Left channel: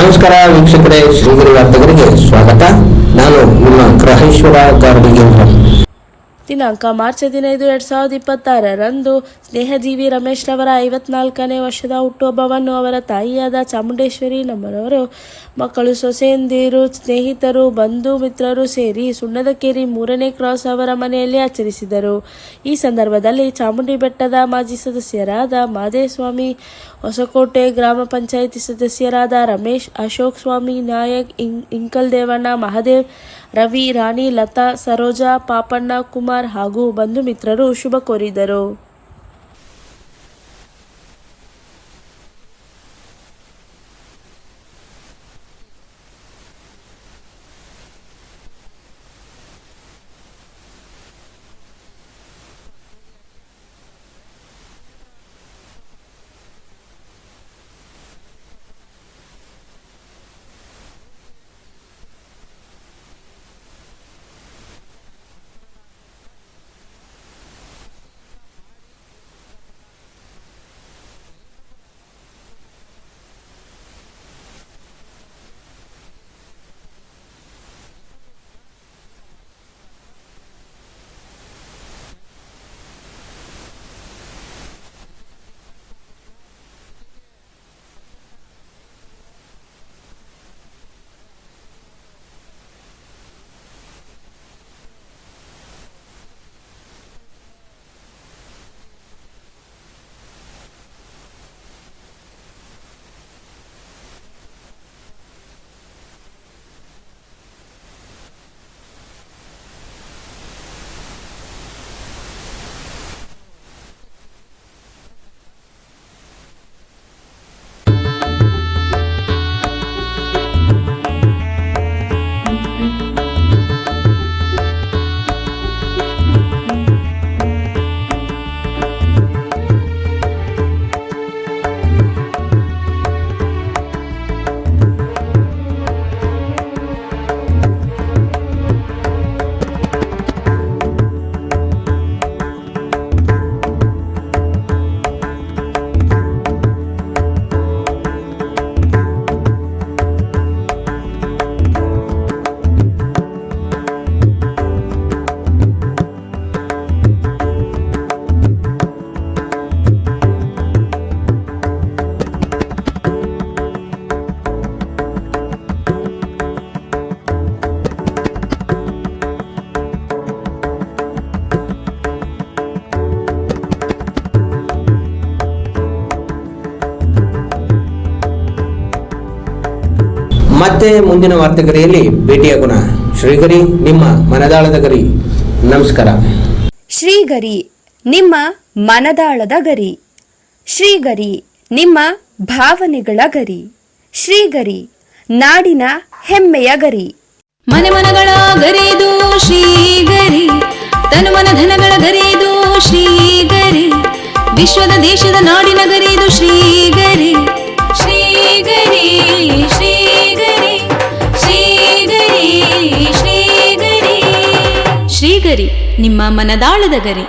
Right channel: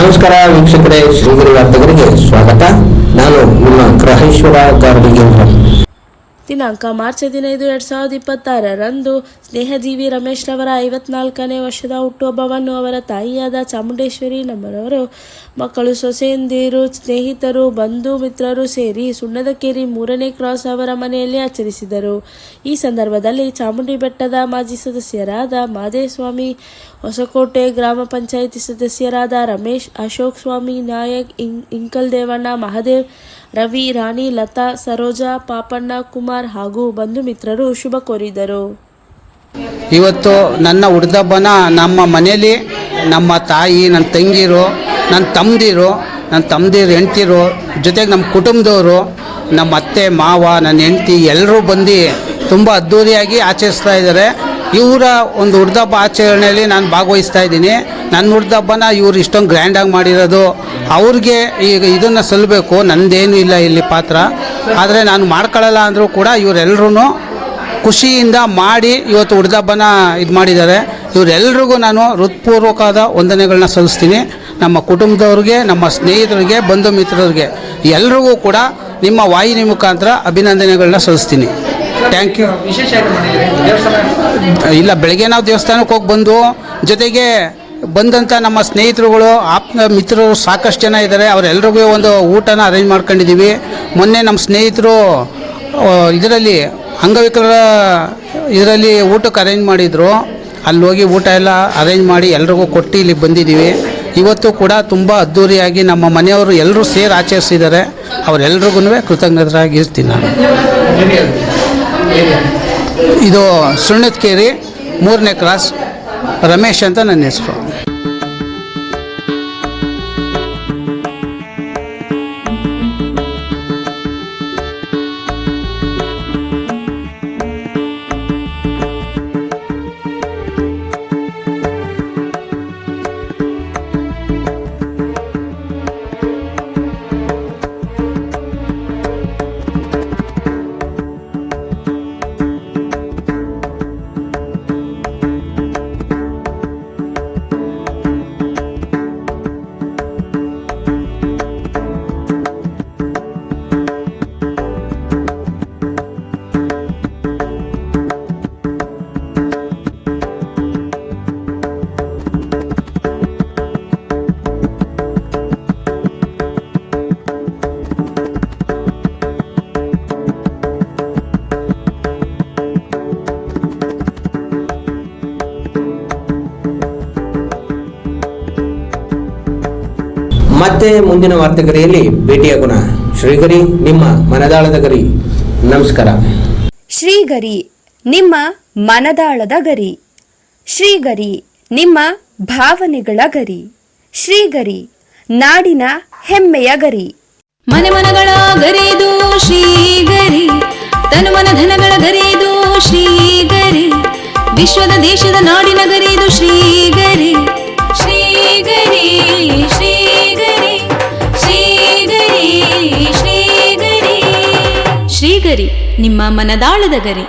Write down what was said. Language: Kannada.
ನಮಸ್ಕಾರ ವೀಕ್ಷಕರೇ, ಶ್ರೀಗಿರಿ ವಾರ್ತೆಗರಿಗೆ ಸ್ವಾಗತ. ನಾನು ನಿಮ್ಮ ಗ್ರಹೇಶ್ವರ ಗಾರ್ಡಿಗೇಂದ್ರ. ದಿನಾಂಕ ಮಾರ್ಚ್ 15, 2026ರಂದು ಸ್ನೇಹಜೀವಿ ರಮೇಶ್ ರವರ 54ನೇ ವರ್ಷದ ಹುಟ್ಟುಹಬ್ಬವನ್ನು ಅವರ ತಾಯಿಯಾದ ಚಾಮುಂಡೇಶ್ವರಿ ನಮ್ಮರವರು ಮಕ್ಕಳು, ಸೊಸೆಯಂದಿರು, ಸ್ನೇಹಿತರು, ಬಂಧು ಮಿತ್ರರು ಸೇರಿ ಸುಣ್ಣದಕೇರಿ 3ನೇ ಕ್ರಾಸ್ ಅವರ ಮನೆಯಲ್ಲಿ ಆಚರಿಸಿದರು. ಈ ಸಂದರ್ಭದಲ್ಲಿ ಚಾಮುಂಡಿ ಬೆಟ್ಟದ ಮಾಜಿ ಸದಸ್ಯರಾದ ಮಾದೇಸ್ವಾಮಿ, ಹೊಸಕೋಟೆ ಗ್ರಾಮ ಪಂಚಾಯಿತಿ ಸದಸ್ಯರಾದ ರಮೇಶ್, ಅಶೋಕ್, ಸ್ವಾಮಿ ನಾಯಕ್, ಇಂಕಲ್ ದೇವಣ್ಣ, ಮಹಾದೇವ್, ರವಿ, ರಾಣಿ, ಲತಾ, ಸರೋಜಾ, ಪಾಪಣ್ಣ, ಕುಮಾರ್ ಹಾಗೂ ಬಂಧು ಮಿತ್ರರು ಶುಭ ಕೋರಿದರು. ಇವತ್ತು ನನ್ನ ಹುಡ್ದಬ್ಬನ ನಮ್ಮ ಮನೆಯಲ್ಲಿ ನಮ್ಮ ತಾಯಿ, ನನ್ನ ತಂಗಿರು, ನನ್ನ ತಮ್ಮದಿರು ಹೆಂಡ್ತಿರು ಜೊತೆಗೆ ನಮ್ಮ ಕುಟುಂಬದವರು, ನಮ್ಮ ಅತ್ತೆ ಮಾವ, ನನ್ನ ಹೆಂಡ್ತಿ ಎಲ್ಲರೂ ಬಂದು ತುಂಬ ಅದ್ಧೂರಿಯಾಗಿ ಆಚರಿಸ್ತಾ ಇದ್ದಾರೆ. ಇವರ ಒಂದು ಹುಡ್ದಬ್ಬ ಆಚರಣೆಯಲ್ಲಿ ನಾನು ಭಾಗವಹಿಸ್ತಾ ಇದ್ದೀನಿ. ನನ್ನ ಹುಡ್ದಬ್ಬನ ಇವರು ಇಷ್ಟೊಂದು ಗ್ರ್ಯಾಂಡಾಗಿ ಮಾಡಿರೋದು ಅವ್ರಿಗೆ ಈಗ ಇದನ್ನು ಸಲ್ಲಬೇಕು. ನನ್ನದೇನು ಇಲ್ಲ ಇಲ್ಲಿ ಪಾತ್ರ, ಆದರೆ ನಾನು ಮಾಡ್ಕೊಳ್ಳಲ್ಲ ಅಂದರೂ ಕೂಡ ಇವರೆಲ್ಲರೂ ಖುಷಿಯಿಂದ ಮಾಡಿ ಇವತ್ತು ಹುಡ್ದಬ್ಬನ ಇದು ಮಾಡಿದ್ದಾರೆ. ಇವರೆಲ್ರಿಗೂ ನಾನು ಹೃತ್ಪೂರ್ವಕವಾದ ವಂದನೆಗಳನ್ನ ಸಲ್ಲಿಸ್ತೀನಿ. ನಮ್ಮ ಕುಟುಂಬದವ್ರಿಗೆ, ನಮ್ಮ ಸ್ನೇಹಿತರಿಗೆ, ಬಂಧು ಮಿತ್ರರಿಗೆ ಎಲ್ರಿಗೂ ಕೂಡ ನಿಮ್ಮ ವಾಹಿನಿ ಮುಖಾಂತರ ಅಭಿನಂದನೆಗಳನ್ನ ಸಲ್ಲಿಸ್ತೀನಿ. Thank you. ಇಲ್ಲ, ಬೆಳಗ್ಗೆ ನಾವು ದೇವಸ್ಥಾನಕ್ಕೆ ಹೋಗಿ ಬಂದು, ಜೊತೆಗೆ ಬಂದಂಥ ನಮ್ಮ ಸ್ನೇಹಿತರುಗಳು, ಆಪ್ತ ಮಿತ್ರರು ಸಾಕಷ್ಟು ಜನ ಇದ್ದಾರೆ. ಅವರೆಲ್ರಿಗೂ ಒಂದು ಊಟನ ಅರೇಂಜ್ ಮಾಡ್ಕೊಂಡಿದ್ದೀವಿ. ಮೊನ್ನೆ ನಮ್ಮ ಸ್ನೇಹಿತರು ಇದರಲ್ಲಿ ಅಂಗವಿಕಲರ ಇದರಲ್ಲಿ ಊಟಕ್ಕೆ ಅರೇಂಜ್ ಮಾಡಿದರು. ಅಲ್ಲಿ ಹೋಗಿ ಊಟ ಎಲ್ಲ ಅರೇಂಜ್ ಮಾಡಿ ಎಲ್ರಿಗೂ ಕೊಟ್ಟು ಇಲ್ಲಿಗೆ ಬಂದಿದ್ದೀವಿ. ಇವತ್ತು ಕೂಡ ತುಂಬ ಅದ್ಧೂರಿಯಾಗಿ ನಮ್ಮ ಮನೆಯವರು ಎಲ್ಲರೂ ಸೇರಿ ಆಚರಿಸಿದ್ದಾರೆ. ಅವರೆಲ್ರಿಗೂ ಕೃತಜ್ಞರಾಗಿರ್ತೀನಿ ನಾನು. ಇದು ಸುಣ್ಣದಕೇರಿ 3ನೇ ಕ್ರಾಸ್, ರಮೇಶ್ ಅಂತ ನನ್ನ ಹೆಸರು. ಮತ್ತೆ ಮುಂದಿನ ವಾರ್ತೆಗರಿಯಲ್ಲಿ ಭೇಟಿಯಾಗೋಣ. ಶ್ರೀಗರಿ, ನಿಮ್ಮ ಮನದಾಳದ ಗರಿ. ನಮಸ್ಕಾರ. ಶ್ರೀಗರಿ, ನಿಮ್ಮ ಮನದಾಳದ ಗರಿ. ಶ್ರೀಗರಿ, ನಿಮ್ಮ ಭಾವನೆಗಳ ಗರಿ. ಶ್ರೀಗರಿ, ನಾಡಿನ ಹೆಮ್ಮೆಯ ಗರಿ. ಮನೆ ಮನಗಳ ಗರಿದು ಶ್ರೀಗರಿ, ತನು ಮನ ಧನಗಳ ಗರಿದು ಶ್ರೀಗರಿ, ವಿಶ್ವದ ದೇಶದ ನಾಡಿನ ಗರಿದು ಶ್ರೀಗರಿ. ಶ್ರೀಗರಿ ಶ್ರೀಗರಿ ಶ್ರೀಗರಿ ಶ್ರೀಗರಿ ಶ್ರೀಗರಿ, ನಿಮ್ಮ ಮನದಾಳದ ಗರಿ.